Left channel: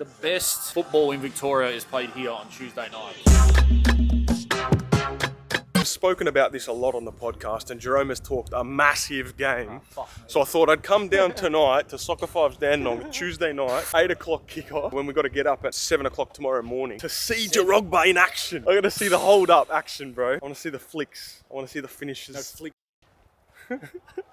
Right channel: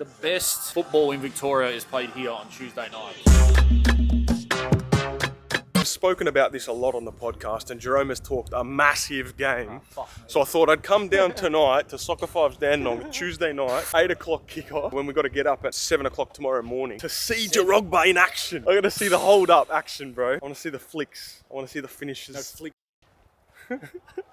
The best football in Victoria is played here on Tuesday night. I've spoken about this a lot on the podcast, and Jerome has talked a massive game. So I thought I'd come down tonight to Soccer Fives Dandenong, Tuesday night, 8 o'clock kickoff, when we got to get up at 7 o'clock tomorrow morning to see Jerome in action. I got to see the hold up action, bro. I want to see the flicks. I want to see the finishes.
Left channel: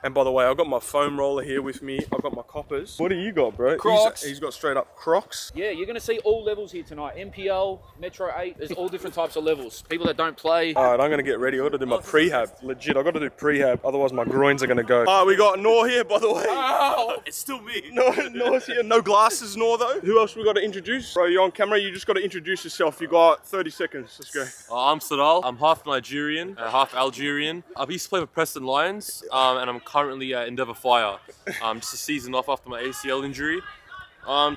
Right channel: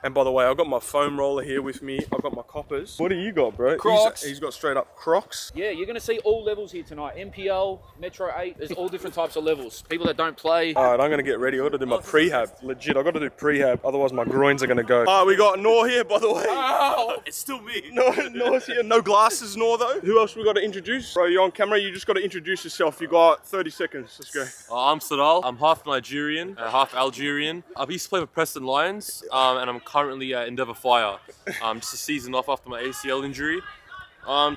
And by the way, I've got my foam roller here with me. I've got my coppers. What do you got, bro? Crocs. He's got straight up Crocs. Yeah, you're going to see all levels here tonight. MPL, Metro 8, there's all different types of levels. People that don't play. All right, I'm going to get ready. I've got to do my prehab. Legit, I've got to do prehab. Otherwise, my groins are going to go. We got Noor here, by the way. Oh, it's still me. Noor's here. No glasses, Noor, though. Who else we got to introduce? Bro, you're on camera. You just got to introduce yourself. You got 30 seconds. Let's go. I'm Sadal. I'm half Nigerian, half Algerian. I used to play for Preston Lions, and I'm currently at Endeavour Fire. Just a season off after my ACL injury.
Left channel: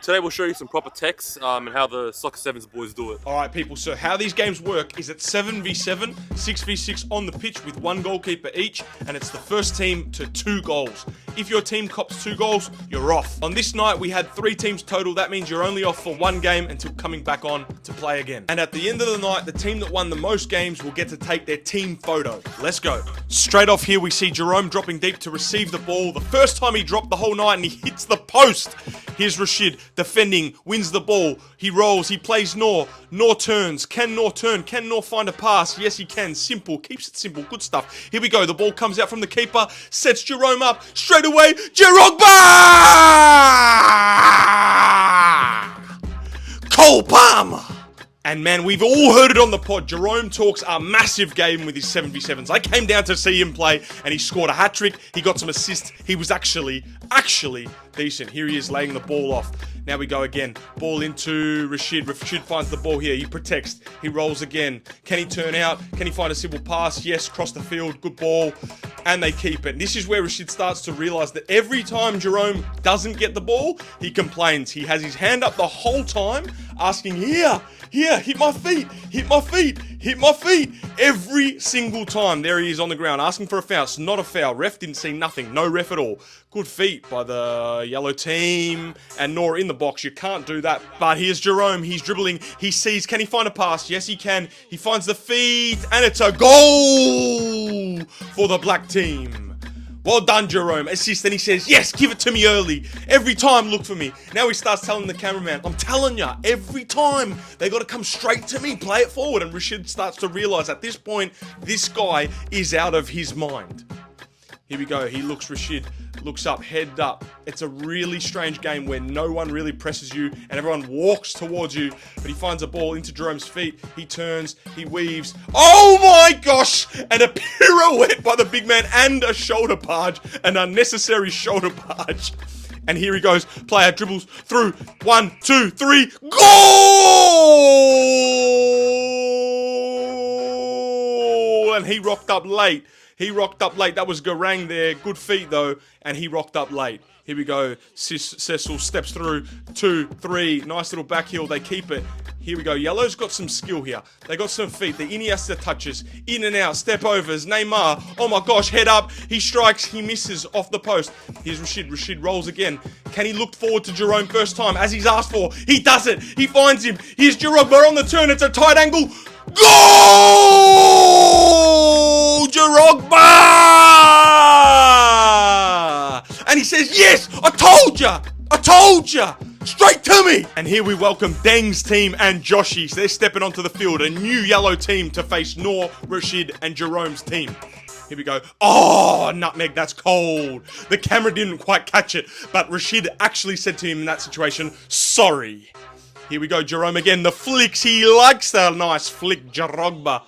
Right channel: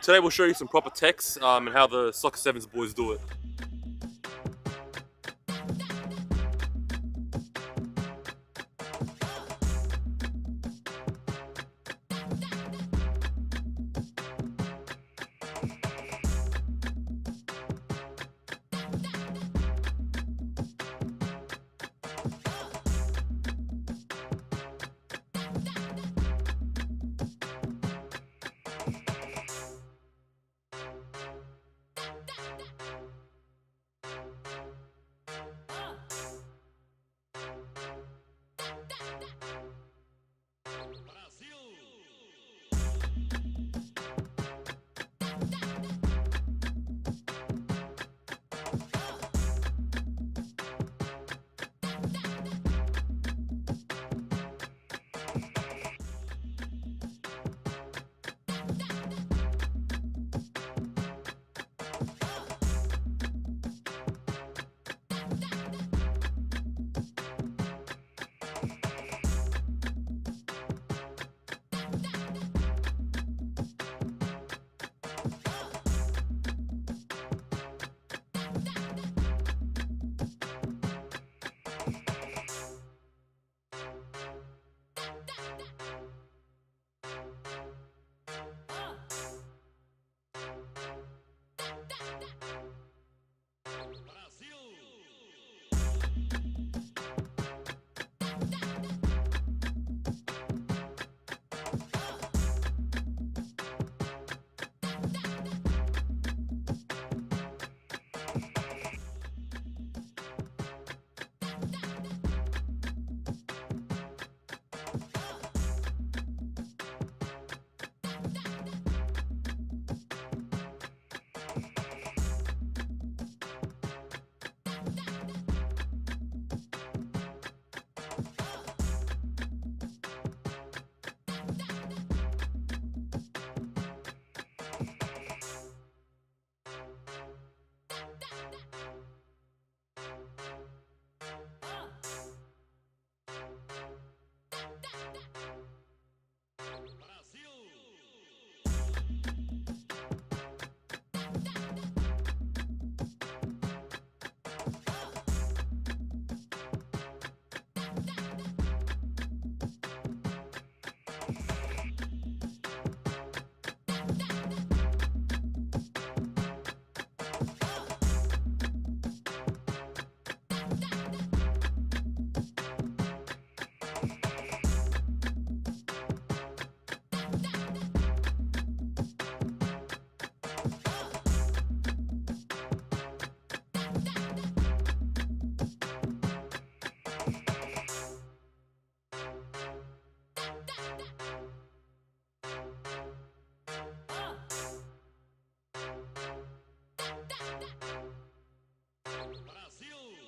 Today we'll show you some proper techs and how the Soccer Sevens boys do it. All right, people, so how these games work is it's 7v7, 6v6 on the pitch with one goalkeeper each, and it's the first team to 2 goals. If your team cops 2 goals, you're off. On this night, we had 3 teams total. That means you're only off for 1 game until coming back on to play again. And at the end of the night, the team that won the most games will get to take their team photo. Let's go. Straight off here, we see Jerome dropping deep to receive the ball. The first time he dropped the whole night, and he hits the post. Here's Rashid defending, wins the ball. He rolls, he plays Noor. Noor turns. Can Noor turn? Can Noor find a pass? Yes, he can. Simple. Keeps it simple. Good stuff. Here we go. The ball comes out from the keeper. Sets Jerome up. Straight away. Jerome! Cole Palmer! And man, we've all heard it on the pod. Jerome talks a massive game with his 7v7s. I came down to see him play, and he scored a hat-trick. He got some assists. He was actually decent. Here he is laying the ball off. Now we go again. Ball into Rashid. Rashid finds the ball here. He protects. He rolls again. Can he turn out? Can he find a simple pass? Yes, cross the field. Good ball. And they keep it. This is where Rashid starts to realise that every time Jerome doesn't get the ball, he complains. He has his hand up the whole time, asking, here, hit my feet, hit my feet, hit my feet. Every single time. There he is on the ground, asking for a foul. It's not a foul. Ref didn't see nothing. No ref at all. Good feet by the yellow team. And Noor in the box. You can't do that. But here's Jerome. He's dribbling. He sees. Can he find a pass? Yes, he can. He finds the feed. And it's a goal for the black team. Well done, Jerome. Assist. And he says, yes, give it to me early. Every time, look for me. Now he starts telling the cameraman, I'm telling ya, every time, they got to come straight to me. Play it forward. And Rashid starts to realise at this point, this guy is out of his mind. Here we go. He looks, Rashid looks up, head up. It's a really strange game where no one really presses you and everyone walks towards you, but he finds a ball into Jerome's feet. He turns, he weaves. Oh my gosh! And a pirouette by the big man and a shoulder barge, an unnecessary shoulder barge. And here he goes. Player dribbles through. 1, 2, 3. Goal! And he rocked up late. That was Garang there. Good feet, though. And he rocked up late. Here we go. Cecil steps through. 2, 3. Nice little back heel. They keep it. Here we go. Yellow's got some skill here. They got some feet. The Iniesta touches. In and out. Step overs. Neymar. Oh my gosh. Head up. He strikes. He misses off the post. Here's Rashid. Rashid rolls again. Can he look forward to Jerome first time as he's asked for? He does it. He finds him. Here's Jerome. We're on the turn. It's a tight angle. Goal! Drogba! And he says, yes, I told ya! Straight to me! And here we welcome Deng's team and Joshi's. They're stepping onto the field. A new yellow team to face Noor, Rashid, and Jerome's team. Here we go. Oh, nutmeg, that's cold. The camera didn't quite catch it, but Rashid actually said to him in that situation, sorry. Here we go, Jerome again. The flicks, he likes that nice flick, Drogba.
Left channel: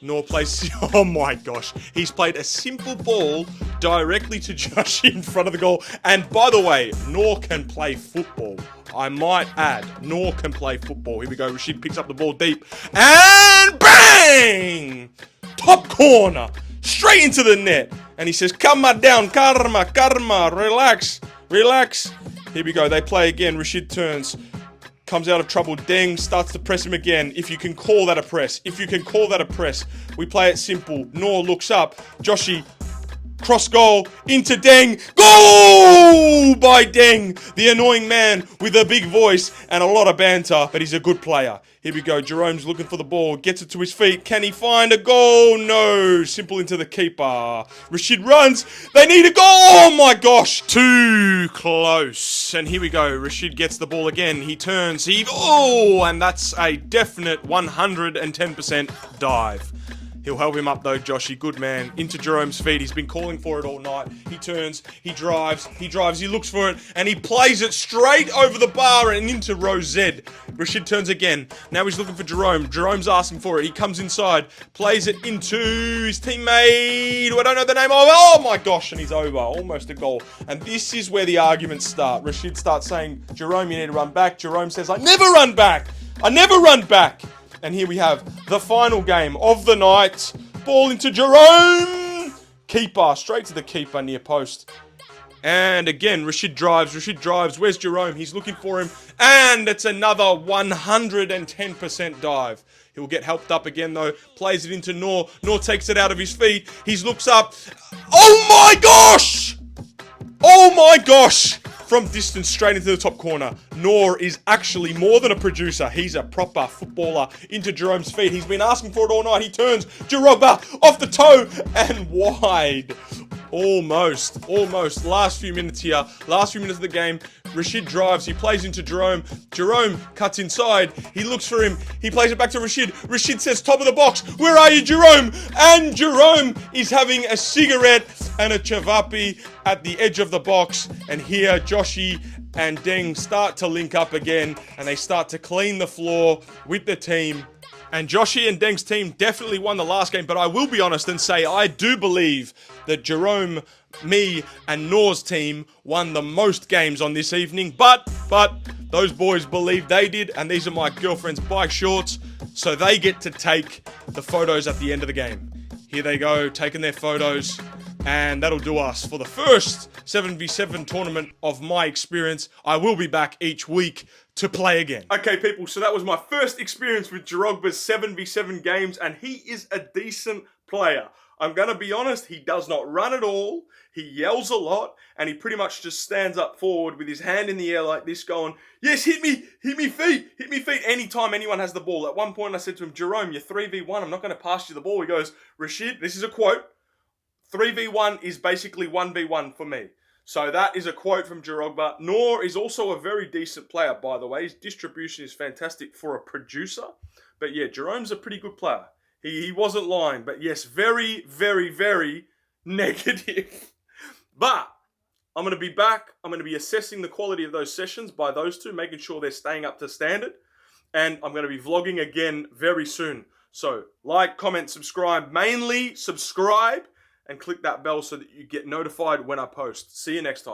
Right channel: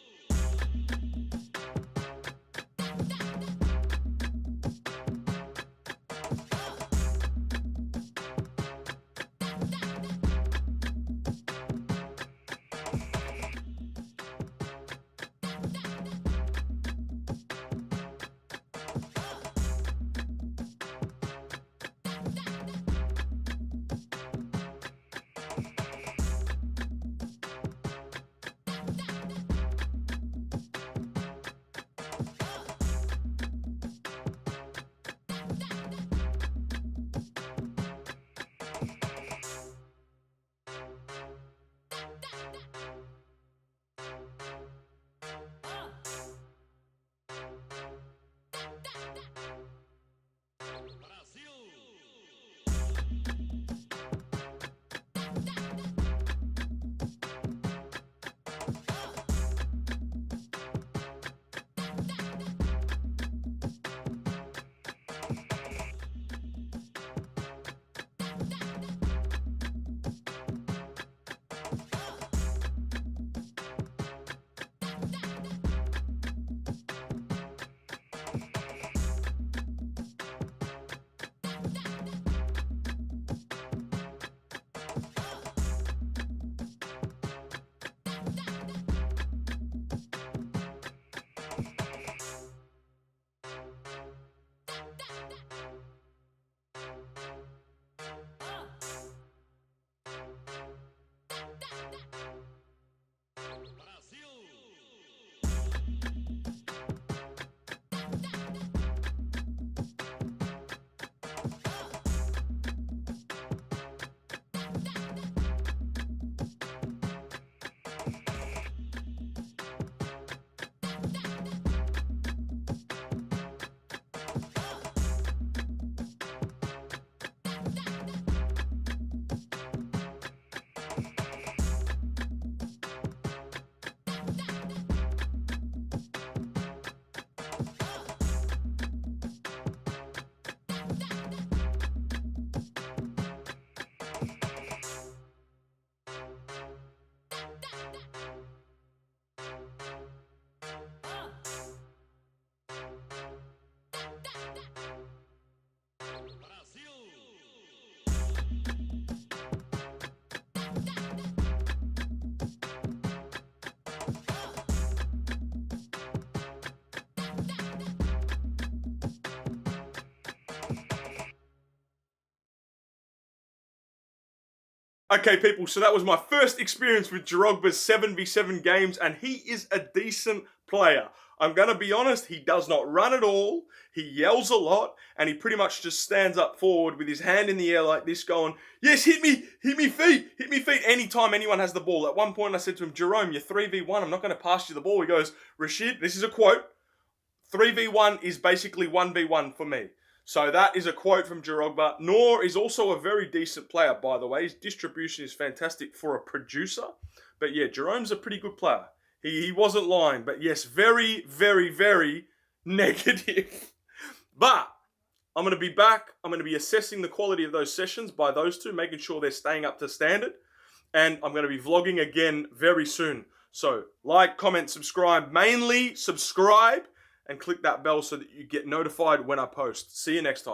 Noor plays, oh my gosh. He's played a simple ball directly to Josh in front of the goal. And by the way, Noor can play football. I might add, Noor can play football. Here we go, Rashid picks up the ball deep. And bang! Top corner, straight into the net. And he says, calma down, karma, relax. Here we go, they play again. Rashid turns. Comes out of trouble. Deng starts to press him again. If you can call that a press. We play it simple. Noor looks up. Joshi across goal, into Deng. Goal by Deng, the annoying man with a big voice and a lot of banter, but he's a good player. Here we go. Jerome's looking for the ball. Gets it to his feet. Can he find a goal? No. Simple into the keeper. Rashid runs. They need a goal. Oh my gosh. Too close. And here we go. Rashid gets the ball again. He turns. And that's a definite 110% dive. He'll help him up though, Joshy. Good man. Into Jerome's feet. He's been calling for it all night. He turns. He drives. He looks for it. And he plays it straight over the bar and into row Z. Rashid turns again. Now he's looking for Jerome. Jerome's asking for it. He comes inside. Plays it into his teammate, who I don't know the name of. Oh my gosh. And he's over. Almost a goal. And this is where the arguments start. Rashid starts saying, Jerome, you need to run back. Jerome says, I never run back. I never run back. And here we have the final game of the night. Ball into Jerome. Keeper, straight to the keeper near post. And again, Rashid drives. Where's Jerome? He's looking for him. And it's another 110% dive. He'll get helped up again though. Plays it into Noor. Noor takes it out of his feet. He looks up. Oh my gosh! Oh my gosh! From distance straight into the top corner. Noor is actually more than a producer. He's a proper footballer. Into Jerome's feet. He's been asking for it all night. He turns. Jirogba off the toe and wide. Almost. Last few minutes here. Last few minutes of the game. Rashid drives. He plays into Jerome. Jerome cuts inside. He looks for him. He plays it back to Rashid. Rashid says, top of the box. Where are you, Jerome? And Jerome is having a cigarette and a chavapi at the edge of the box. And here, Joshy and Deng start to link up again. And they start to clean the floor with the team. And Joshy and Deng's team definitely won the last game, but I will be honest and say I do believe that Jerome, me, and Noor's team won the most games on this evening. But those boys believe they did, and these are my girlfriend's bike shorts, so they get to take the photos at the end of the game. Here they go, taking their photos, and that'll do us for the first 7v7 tournament of my experience. I will be back each week to play again. Okay, people, so that was my first experience with Jirogba's 7v7 games, and he is a decent player. I'm going to be honest, he does not run at all, he yells a lot, and he pretty much just stands up forward with his hand in the air like this going, yes, hit me feet, anytime anyone has the ball. At one point I said to him, Jerome, you're 3v1, I'm not going to pass you the ball. He goes, Rashid, this is a quote, 3v1 is basically 1v1 for me. So that is a quote from Jirogba. Noor is also a very decent player, by the way. His distribution is fantastic for a producer. But yeah, Jerome's a pretty good player. He wasn't lying. But yes, very, very, very negative. But I'm going to be back. I'm going to be assessing the quality of those sessions by those two, making sure they're staying up to standard. And I'm going to be vlogging again very soon. So like, comment, subscribe. Mainly subscribe. And click that bell so that you get notified when I post. See you next time.